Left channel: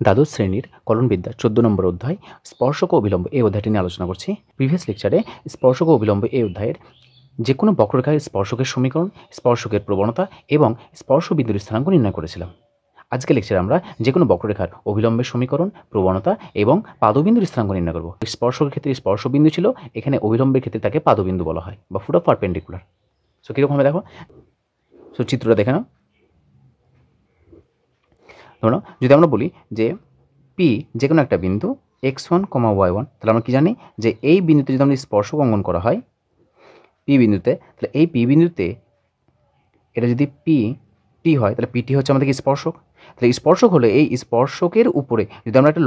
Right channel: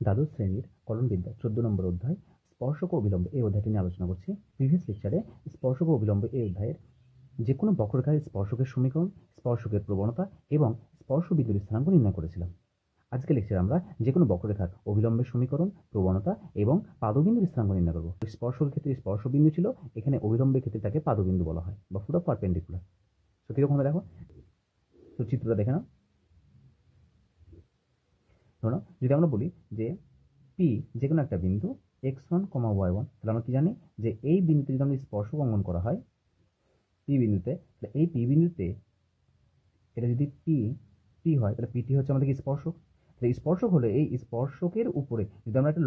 দ্বাদশ শ্রেণীর কলনবিদ্যা 14 নম্বর অধ্যায় স্পর্শক ও অভিলম্ব এই অধ্যায়টি নিয়ে আলোচনা করছি। প্রিভিয়াস লেকচারে স্পর্শক ও অভিলম্ব এই অধ্যায়ের যে কোনো বক্ররেখার স্পর্শকের সমীকরণ, স্পর্শকের প্রবণতা এবং স্পর্শবিন্দুর স্থানাঙ্ক নির্ণয় করেছিলাম। আজকে লেকচারে আমরা যে কোনো বক্ররেখার অভিলম্বের সমীকরণ, প্রবণতা এবং পাদবিন্দুর স্থানাঙ্ক নির্ণয় করব। স্পর্শকের ক্ষেত্রে স্পর্শবিন্দু ছিল, এখানে অভিলম্বের ক্ষেত্রে তাকে পাদবিন্দু বলা হয় বা ফুট অফ পারপেন্ডিকুলার। সো কীরকম হবে দেখো, সো চিত্রটা দেখে নাও। ধরো যদি আমরা বলি যে পি যে কোনো একটা বিন্দু x1, y1, তাহলে আমরা কি জানি যে এই বিন্দুতে যদি আমরা স্পর্শক অঙ্কন করা হয় পি বিন্দুতে, তাহলে এই পি বিন্দুতে এটা যদি পি হয় তাহলে পিটি হচ্ছে আমাদের কি স্পর্শক। তাহলে স্পর্শক হলে এই স্পর্শকের উপরে যদি আমরা একটা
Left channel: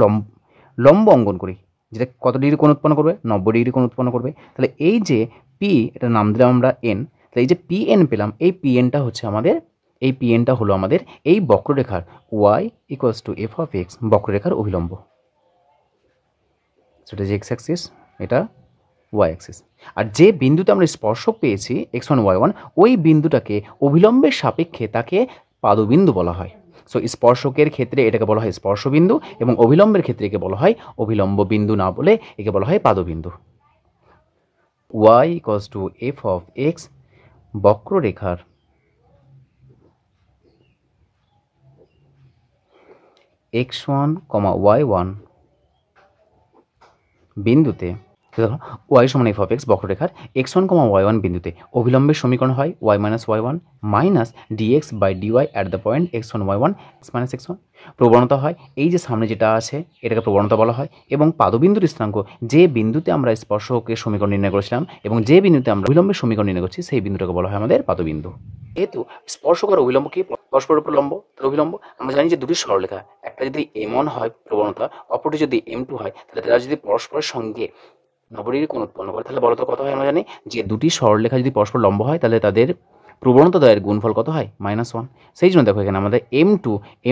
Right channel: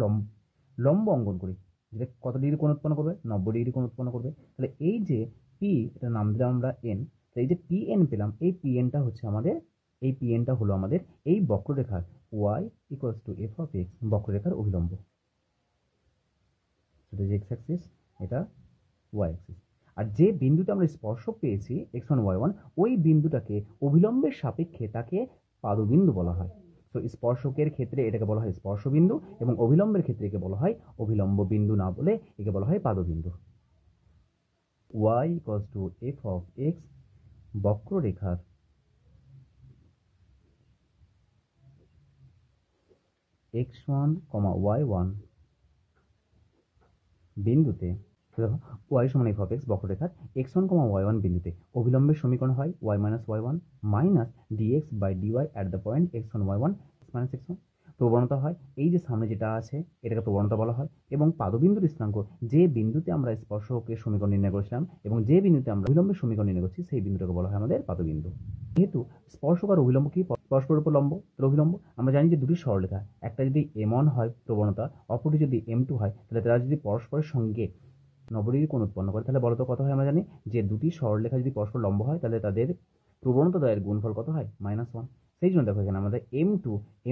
লম্ব অঙ্কন করি, যেটা কত ডিগ্রি কোণ উৎপন্ন করবে, 90 ডিগ্রি কোণ উৎপন্ন করবে। তাহলে এই যে পি, এটা নাম দিলাম আমরা এন, তাহলে এই যে পি এন পেলাম, এই পি এনটা হচ্ছে আমাদের, এই পি এনটা হলো আমাদের এই বক্ররেখার y = f(x) বক্ররেখার অভিলম্ব। সেটা যে এক্স অ্যাক্সিস, এটা ওয়াই অ্যাক্সিস। আর যে বিন্দুতে আমরা স্পর্শক পেয়েছি x1, y1, ওই বিন্দুটাকে অভিলম্বের সাপেক্ষে তাকে পাদবিন্দু বলা হয়। সো স্পর্শকের ক্ষেত্রে এটাকে বলা হয় স্পর্শবিন্দু এবং অভিলম্বের ক্ষেত্রে একে বলা হয় অভিলম্ব বিন্দু না বলে একে বলা হয় পাদবিন্দু। y = f(x) বক্ররেখার x1, y1 বিন্দুতে, দেখো y = f(x) বক্ররেখার x1, y1 বিন্দুতে অভিলম্বের সমীকরণ হয় y - y1 minus dx/dy at the point x1, y1 x - x1। প্রবণতা হয় এই যে সামনে যেটা আছে এটাকে প্রবণতা বলা হয়, এবং পাদবিন্দুর স্থানাঙ্ক যে বিন্দুতে আমরা স্পর্শকের সমীকরণ নির্ণয় করেছিলাম এবং যে বিন্দুতে আমরা অভিলম্বের সমীকরণ নির্ণয় করছি সেই বিন্দুটাকে বলা হয় আমাদের পাদবিন্দু। যেহেতু স্পর্শক আর অভিলম্ব কি পরস্পর উপর লম্ব, তাহলে অভিলম্ব আমরা জানি যে দুটি সরলরেখা, একটা যদি m1 হয় প্রবণতা, অপরটি যদি m2 হয়, তাহলে তারা যদি পরস্পরের সঙ্গে 90 ডিগ্রি কোণ উৎপন্ন করে, তাহলে বলতো কত হয়? আমরা জানি যে দুটি সরলরেখা যদি পরস্পর লম্ব হয় তাহলে তাদের প্রবণতা দ্বয়ের গুণফল কত হয়? -1। সেই জন্য দেখো এখানে আমাদের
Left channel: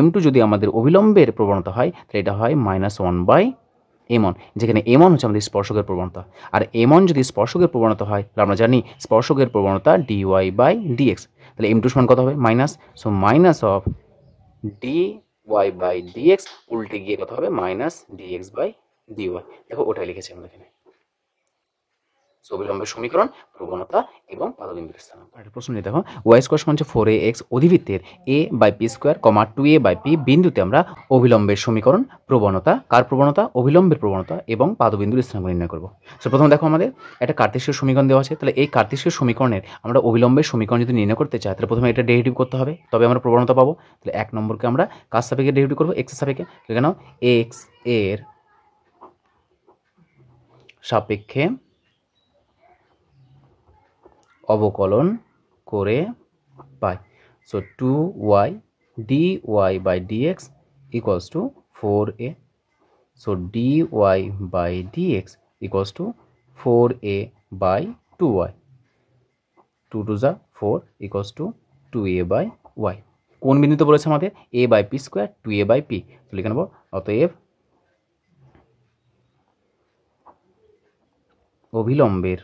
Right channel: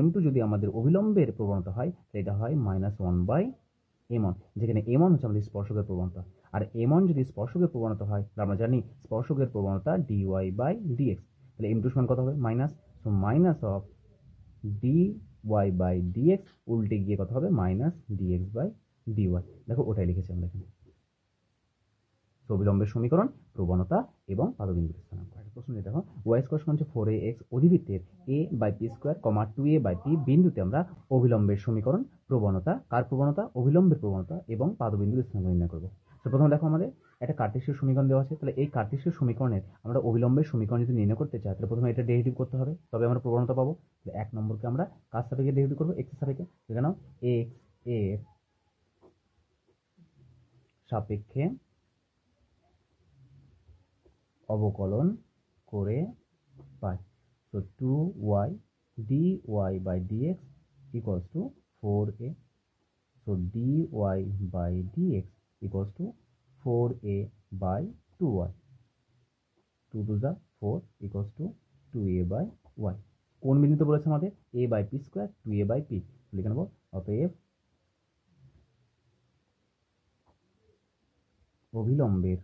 m2 যদি আমাদের অভিলম্বের প্রবণতা হয় তাহলে এটা হয় -1/m1, যেখানে m1 হচ্ছে আমাদের স্পর্শকের প্রবণতা। আর m1 যদি স্পর্শকের প্রবণতা হয় তাহলে আমরা জানি স্পর্শকের প্রবণতা dy/dx, তাহলে m2 সমান কত হবে? Minus, so minus of dy/dx উল্টে গিয়ে কত হবে? -dx/dy। দেখো ওটাই লিখেছি আমরা এখানে। অভিলম্বের সমীকরণ, প্রবণতা এবং পাদবিন্দুর স্থানাঙ্ক। একটা প্রশ্ন নিয়ে দেখো, y² সমান হচ্ছে 4ax অধিবৃত্তের a/p², 2a/p বিন্দুতে আমরা অভিলম্বের সমীকরণ, প্রবণতা, কার প্রবণতা? অভিলম্বের প্রবণতা এবং পাদবিন্দুর স্থানাঙ্ক নির্ণয় করব। সো প্রথমে দেখো আমাদের একটা কার্তেশীয় সমীকরণ দেওয়া আছে, তাহলে এই কার্তেশীয় সমীকরণের আমরা অভিলম্বের সমীকরণ যদি নির্ণয় করতে চাই তাহলে প্রথমে এটা ডেরিভেটিভ করতে হবে, তবে আমরা প্রবণতা পাবো। তাহলে 1 নম্বরকে আমরা কার সাপেক্ষে ডেরিভেটিভ করবো? x এর সাপেক্ষে। কেন? x এর সাপেক্ষে অবকলন করে পাই। So 2y dy/dx = 4a। So dy/dx = 4a/2y। 2 2 যা 4 = 2a/y। কোন বিন্দুতে বলেছে আমাদের? a/p², 2a/p। তো লিখে নেব, অতএব অভিলম্বের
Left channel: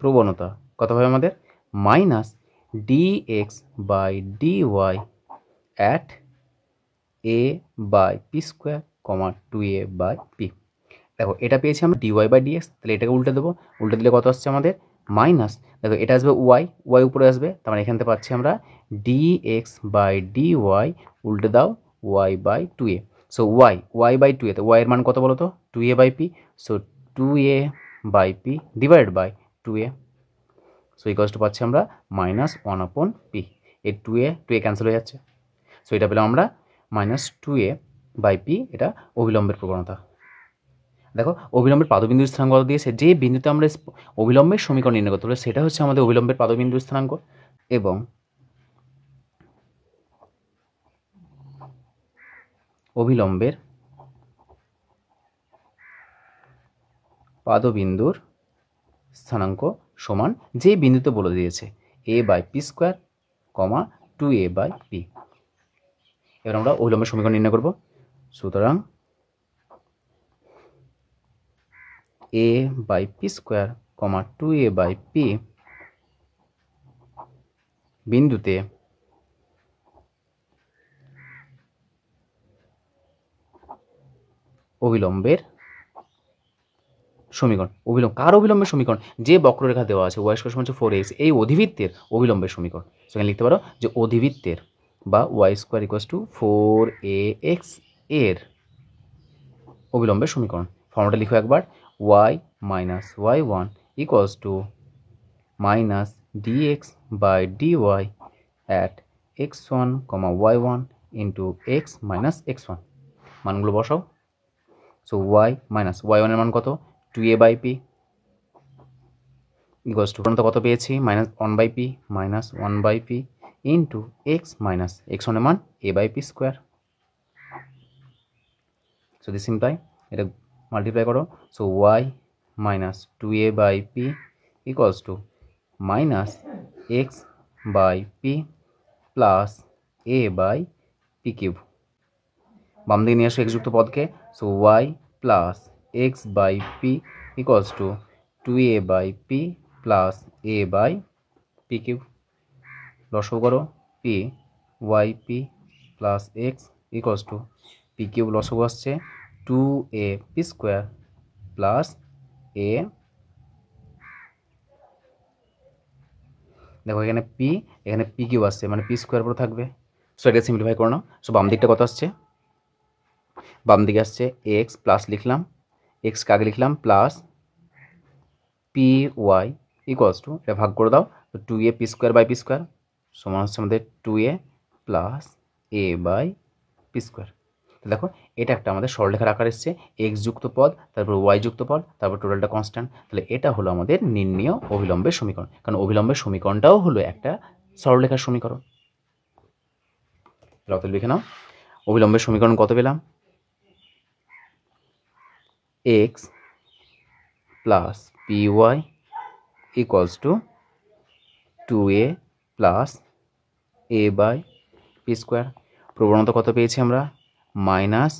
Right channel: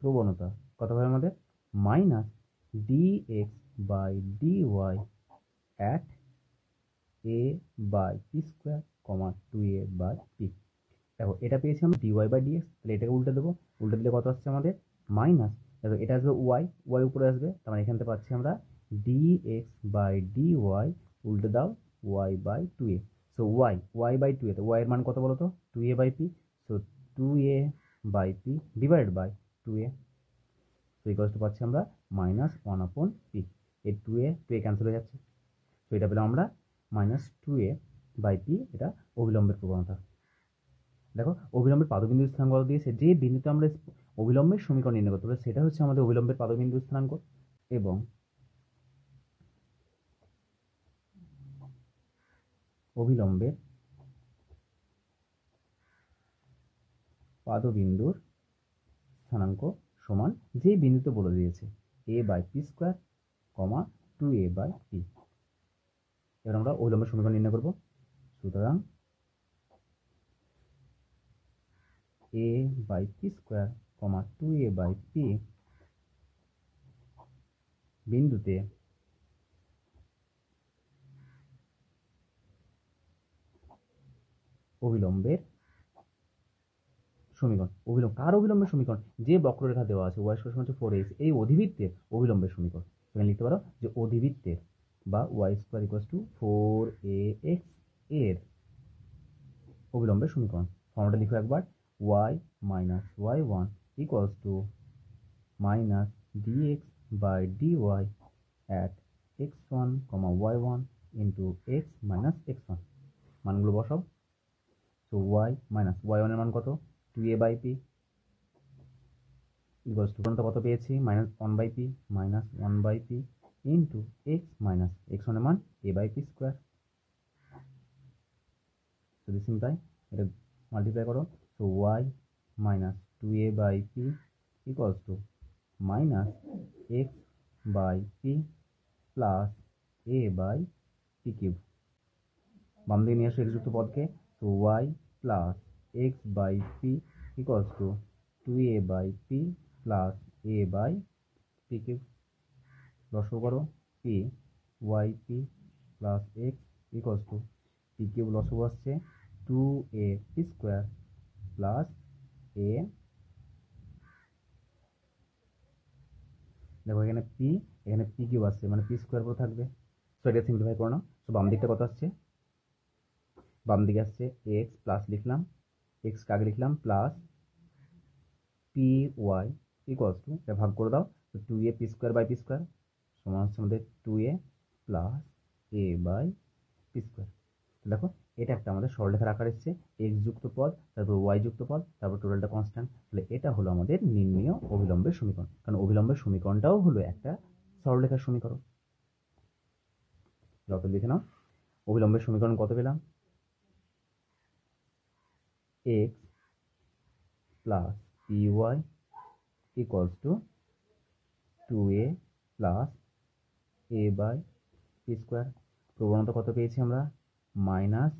প্রবণতা কত হবে আমাদের? -dx/dy at a/p², 2a/p। দেখো এটা পেয়েছি আমরা dy/dx, তাহলে এটাকে উল্টে দেবো, উল্টে দিলে কত আসছে আমাদের? মাইনাস, দেখো এটা আসবে y উপরে আসবে, তার মানে এখান থেকে পাচ্ছি আমরা dx/dy উল্টে দাও y/2a। সো y/2a, তো y এর মান কত বলো তো? 2a/p। So 2a/p divided by 2a। So equals to পাচ্ছি আমরা -1/p। এই 2a ক্যান্সেল হয়ে যাচ্ছে। সো এটা পেলাম আমরা -2a/p, এটা অভিলম্বের প্রবণতা। দেখো অভিলম্বের পাদবিন্দুর স্থানাঙ্ক কত দিয়েছে? যে বিন্দুতে আমরা অভিলম্বের সমীকরণ নির্ণয় করতে হবে সেটা হচ্ছে আমাদের অভিলম্বের পাদবিন্দুর স্থানাঙ্ক, এবং অভিলম্বের পাদবিন্দুর স্থানাঙ্ক সমান যে বিন্দুতে বলে দিয়েছে a/p², 2a/p। এবার আমরা অভিলম্বের সমীকরণ নির্ণয় করব। সুতরাং a/p², 2a/p বিন্দুতে অভিলম্বের সমীকরণ। কার অভিলম্বের সমীকরণ? যে বক্ররেখা দেওয়া আছে y স্কয়ার সমান হচ্ছে 4x, এই অধিবৃত্তের অভিলম্বের সমীকরণ। সেখানে লিখতে পারো যে অধিবৃত্তের বা y square equals to 4ax এর অভিলম্বের সমীকরণ। ফর্মুলাটা লিখো একবার, y minus y1 equals to minus dx by dy at x1, y1 into x minus x1। মানগুলো বসাও। সো y মাইনাস y1 এর মান কত? 2a by P equals to কত পেয়েছি? Minus 1 by P minus 1 by P into X minus x1 এর মান a by P square. So this imply, এটা মাল্টিপ্লাই করো। So y minus 2a by P equals to minus X by P plus a by P cube. বাম দিকে নিয়ে আসো X যুক্ত পদকে। So y plus X by P equals to 2a by P plus a by P cube. লসগু করো, P Y P plus X equals to P cube, লসগু আসছে 2a p square plus a, দেখো এখানে P, এখানে P cube আসছে, মানে P square পুরো থাকবে। সো এটা সিম্পলিফাই করো না। সো বাম দিকটা কত আসছে? বাম দিকে আসছে এক্স প্লাস লিখলাম, এক্স আগে লিখলাম plus p y equals to, এটা ভাগ করে দাও, তো 2a p square by P square সমান হচ্ছে আমাদের 2a plus a by P square. দেখো এটা একটা আমাদের সরলরেখার আকার এসছে, এক্স যুক্ত পদ, তারপর ওয়াই যুক্ত পদ, তারপর টোটালটা কনস্ট্যান্ট। তাহলে এটা হলো আমাদের নির্ণেয় অভিলম্বের সমীকরণ, কারণ অভিলম্বের সমীকরণটাও হলো একটা সরলরেখার সমীকরণ। তাহলে লিখে নাও, অভিলম্বের সমীকরণ কত পেলাম? X plus p y equals to 2a plus a by P square. প্রবণতা কত পেয়েছি আমরা? Minus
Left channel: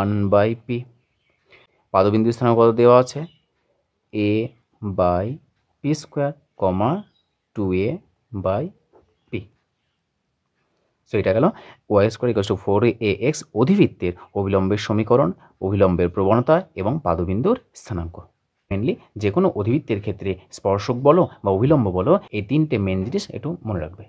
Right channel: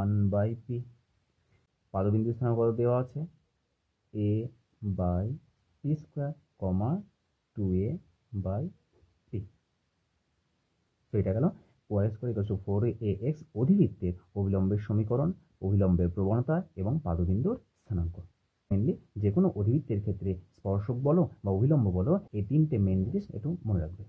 1 by P. পাদবিন্দু স্থানে কত দেওয়া আছে? a by P square comma 2a by p. So এটা গেল y square equals to 4ax অধিবৃত্তের অভিলম্বের সমীকরণ, অভিলম্বের প্রবণতা এবং পাদবিন্দুর স্থানাঙ্ক। মেনলি যে কোনো অধিবৃত্তের ক্ষেত্রে স্পর্শক বলো বা অভিলম্ব বলো, এই তিনটে মেন জিনিস একটু মনে রাখবে।